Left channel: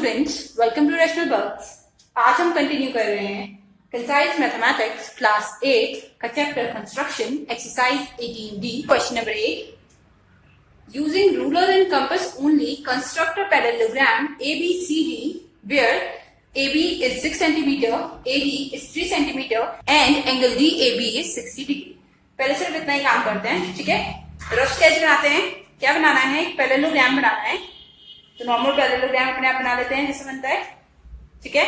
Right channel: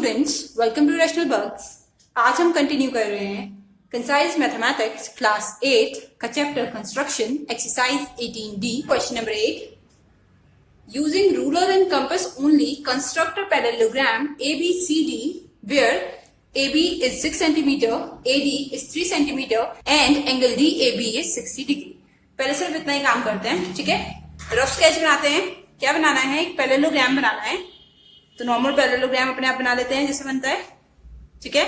Students, welcome to rational bugs. आज हम continue कर रहे हैं कंसाइज मैथमेटिक्स क्लास 8 का chapter construction exercise 18D। Question number 8, using ruler and compass only construct a parallelogram ABCD where AB is 6 centimeter, AD is 3 centimeter and angle DAB is 60 degree। पहले सिर्फ इतना ही काम करते हैं, ठीक है। रफ स्केच बनाते हैं। क्या बनाना है? एक पैरेललोग्राम बनाना है। तो नॉर्मल पैरेललोग्राम अपने आप बना लेते हैं जैसे बनता है, ठीक है।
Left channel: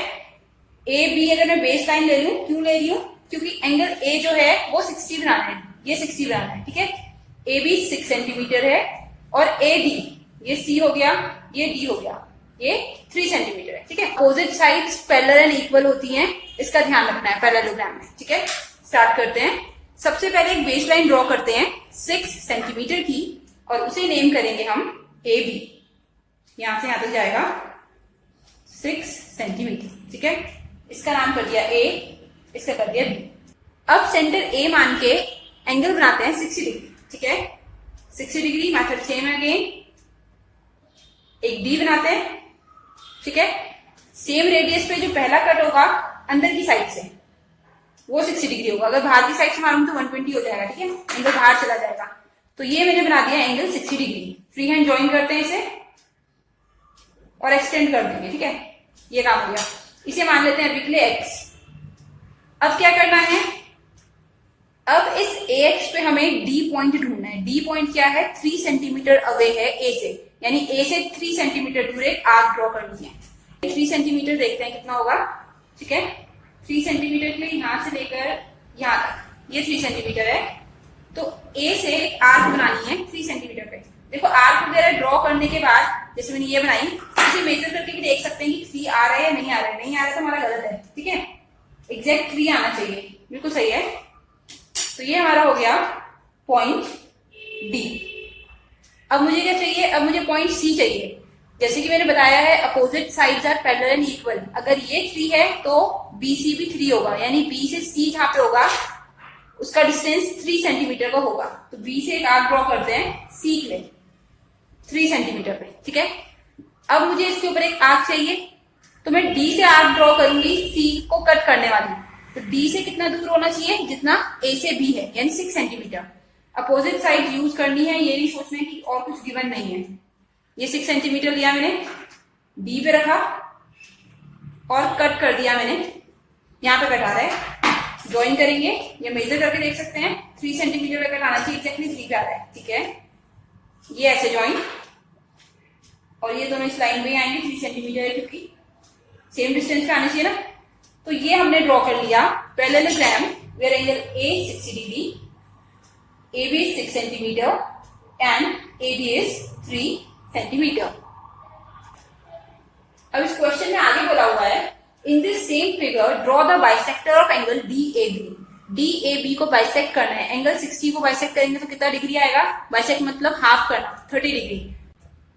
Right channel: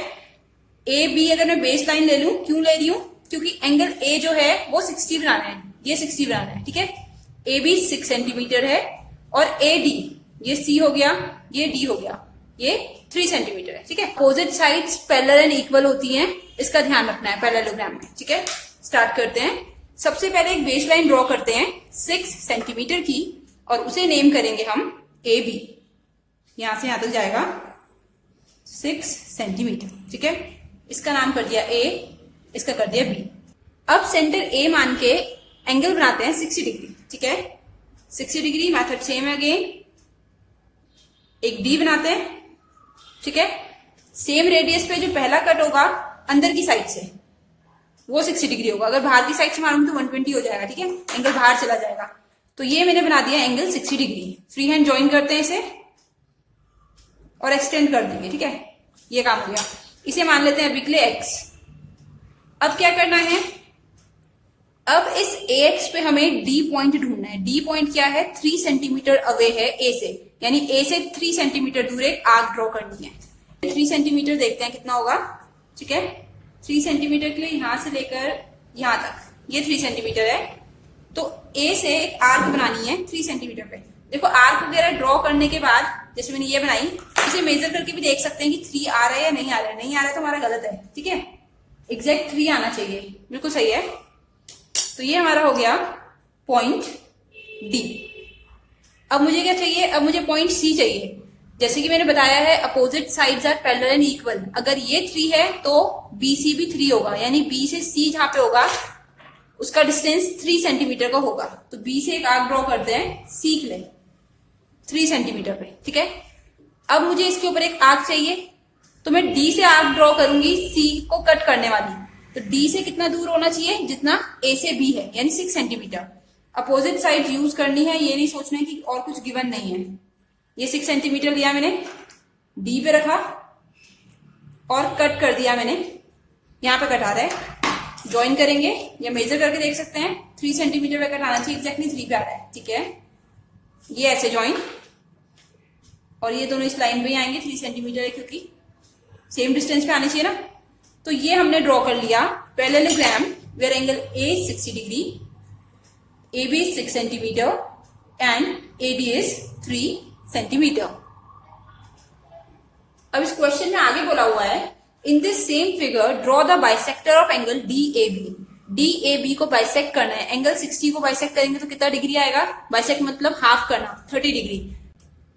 ए बी अगर मैं बेस लाइन ले लूं, क्यों ले रही हूं? क्योंकि एंगल ए जो है वो 60 बनाना है, ये 60 बनाना है, ठीक है। ए बी 6 सेंटीमीटर है और ए डी, ये सी हो गया, ये डी हो गया, ये 3 सेंटीमीटर है, ठीक है। Opposite sides parallel and equal होती हैं, इसका ध्यान रखना है पैरेललोग्राम में, ठीक है। स्टार्ट करते हैं। सबसे पहले एक बेस लाइन ड्रॉ करते हैं 6 सेंटीमीटर की और उसे नेम करेंगे हम ए बी। यहां से यहां तक जाएगा 6 सेंटीमीटर, ठीक है। इसका नाम कर दिया ए, इसका कर दिया बी। अब सेंटर ए मान के एंगल बनाते हैं 60 डिग्री, ठीक है। 60 डिग्री मेथड सेम है अगेन। एक डी बनाते हैं, ठीक है। सेम रेडियस पे जो पहला कट होगा अंदर की साइड से वो 60 डिग्री होगा। अगर बाहर की साइड से मारूंगी तो 120 हो जाएगा, ठीक है। एंगल बाहर चला जाएगा। तो ये मैंने बना दिया angle 60 degree. Free hand join करते हैं इसे और एक्सटेंड कर देंगे, ठीक है। ये काम हो गया। इसे मान लेते हैं अभी के लिए एक्स। अब क्या करना है? अब इस एक्स पे हमें डी पॉइंट ढूंढना है। डी पॉइंट क्या है? 3 सेंटीमीटर अवे है ए से, यानी ए से 3 सेंटीमीटर दूर एक आर्क ड्रॉ करनी है। 3 सेंटीमीटर देखते हैं कितना होगा, ठीक है। 3 सेंटीमीटर के लिए यहां से लेकर यहां तक ये 3 सेंटीमीटर है। तो ए से एक आर्क बनानी है 3 सेंटीमीटर पे। देखो आर्क वगैरह ड्रॉ करने के बाद जैसे मैंने ये बनाई, इसे मेजर करके भी देख सकते हैं कि 3 आ रहा है या नहीं आ रहा है। नहीं आ रहा है तो हमारा गलत है, ठीक है। एग्जैक्ट 3 आना चाहिए, बिल्कुल सही है। तो ये हमारा हो गया पॉइंट डी। अब मुझे क्या चाहिए? अब मुझे पॉइंट सी चाहिए। जैसे कि मैंने बताया है opposite sides are parallel and equal. अगर ये 3 है तो बी सी भी 3 होगा, यानी बी से सी जहां पे होगा उसका डिस्टेंस 3 सेंटीमीटर का होगा। तो बी से एक आर्क ड्रॉ करते हैं सी के लिए 3 सेंटीमीटर पे, ठीक है। अब मुझे इसके ऊपर एक आर्क चाहिए, तो मैं डी से आर्क ड्रॉ करूंगी सी को कट करने वाली। तो डी से कितना दूर होना चाहिए? जितना ए से बी है, यानी 6 सेंटीमीटर। अपोजिट साइड यूज करनी है, ये नहीं सोचना है कि और कुछ गिवन नहीं है। ये 6 सेंटीमीटर लिया मैंने, डी पे रखा और कट कर दिया मैंने। यहां पे कट आ रहा है, ज्वाइन करेंगे या मेजर करके देख सकते हैं। 3 सेंटीमीटर पे कट आना चाहिए, एग्जैक्टली 3 पे आ रहा है, ठीक है। ये ऐसे ज्वाइन और ये दोनों इस लाइन में आएंगे। 3 सेंटीमीटर है क्योंकि सेम डिस्टेंस पे आने चाहिए ना। तो ये हमने ड्रॉ कर लिया parallelogram where angle A 60 degree, A B 6 centimetre and A D is 3 centimetre. अब इस क्वेश्चन में आगे बोला हुआ है in this same figure draw the bisector of angle D A B. D A B को बाइसेक्ट करना है। एंगल 60 को बाइसेक्ट करेंगे तो कितना डिग्री आएगा? बाइसेक्ट मतलब हाफ करना, 30 डिग्री।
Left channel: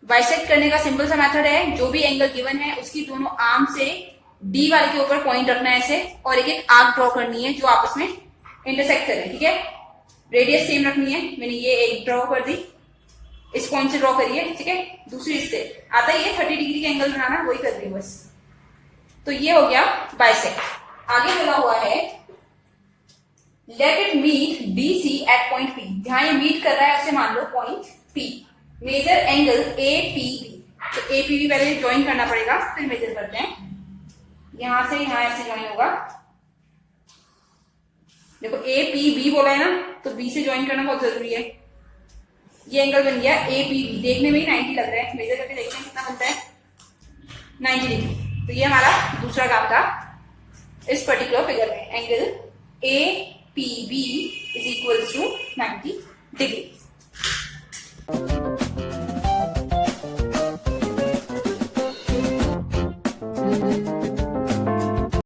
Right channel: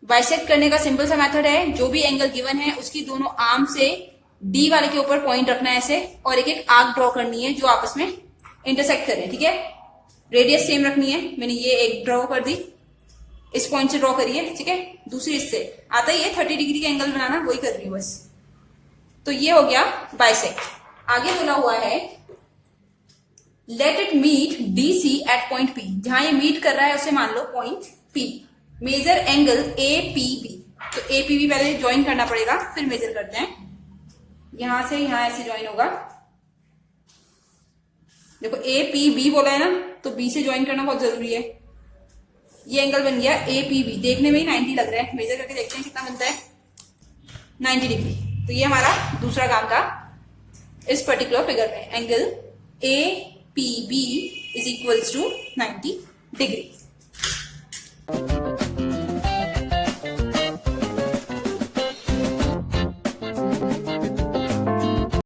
बाइसेक्ट करने का सिंपल सा मेथड है, जो भी एंगल गिवन है उसकी दोनों आर्म से डी वाले के ऊपर पॉइंट रखना है ऐसे, और एक एक आर्क ड्रॉ करनी है जो आपस में इंटरसेक्ट करें, ठीक है। रेडियस सेम रखनी है। मैंने ये एक ड्रॉ कर दी, इस पॉइंट से ड्रॉ करिए, ठीक है। दूसरी इससे आता है, ये 30 डिग्री का एंगल बनाना, वही कर रही हूँ बस। तो ये हो गया बाइसेक्ट। आगे बोला हुआ है let it meet D C at point P. जहां ये मीट कर रहा है उसे मान लो point P. Major angle A P B. तो ए पी बी पहले ज्वाइन करना पड़ेगा, फिर मेजर करते हैं। यहां से यहां ऐसे ज्वाइन होगा। देखो ए पी बी बोला है ना, तो बी से ज्वाइन करना बहुत जरूरी है। ये एंगल बन गया ए पी बी। देखने में ही 90 लग रहा है, मेजर करके देखते हैं कितना बनता है। 90 डिग्री। तो ये हमारा दूसरा काम था इस पर्टिकुलर फिगर में। Angle A P B is equals to 90 degree.